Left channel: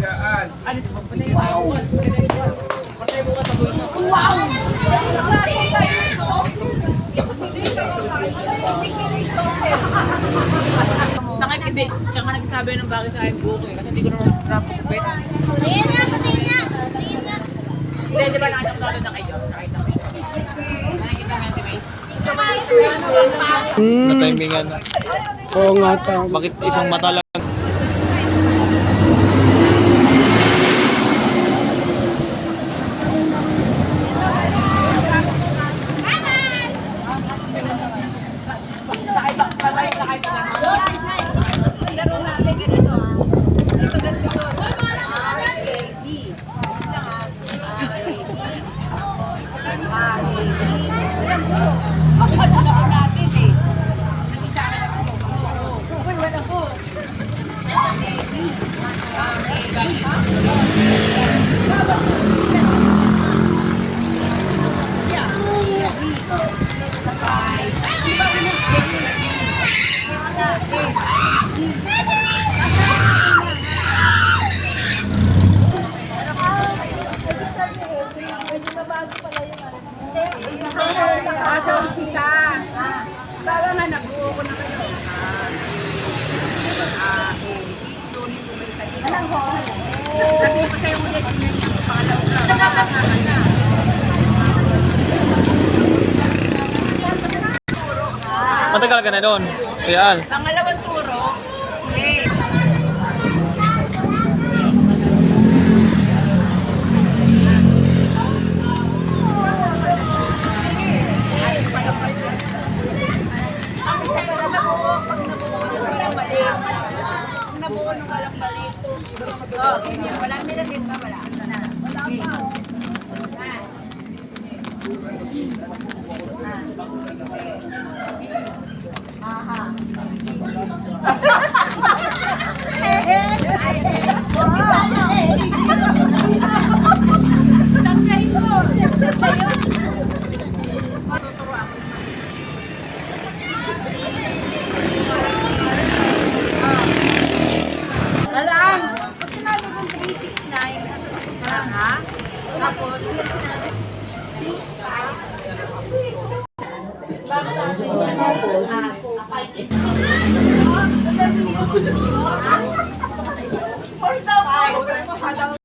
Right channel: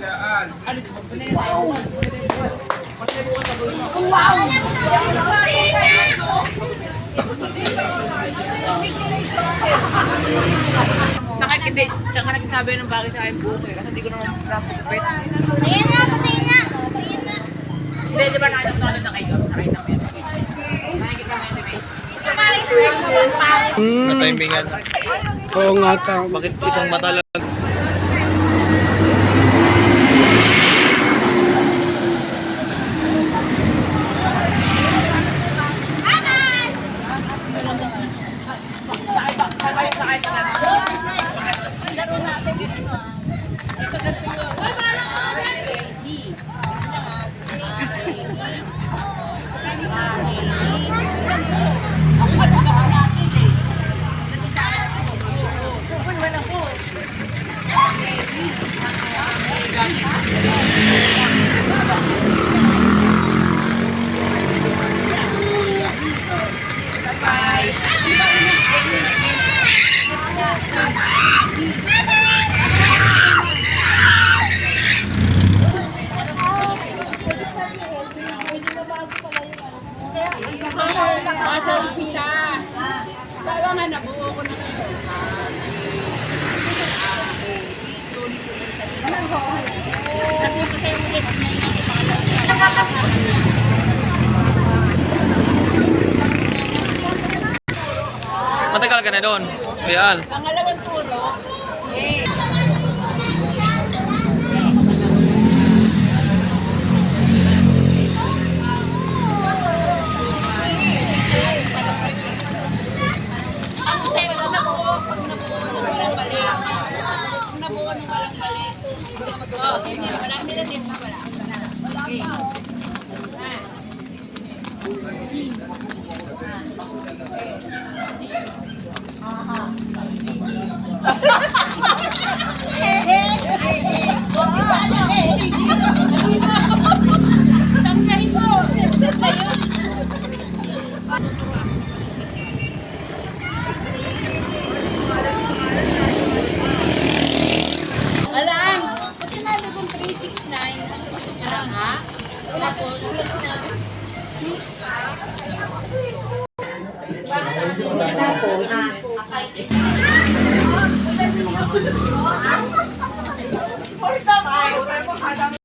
Saka hindi, saka nagsabi ng bakit sa akin buko eh, kasi hindi ko naman traffic pet. Ayan nga, patayin na. Ayan na. Hindi, di ba nakita natin ng kayo? Nakita mo yun. Nakikita mo yun, Matimingan. Oo nga ta. Bakit isang mata lang? Sa umpisa. Bawa nga, nabuo ko na kayo. Tuloy ko sa iyo. Sabihin ko sa'yo ulit, may mga pangalaw ka. Matagal ka na doon. Kuya Al. Pangalawang turo,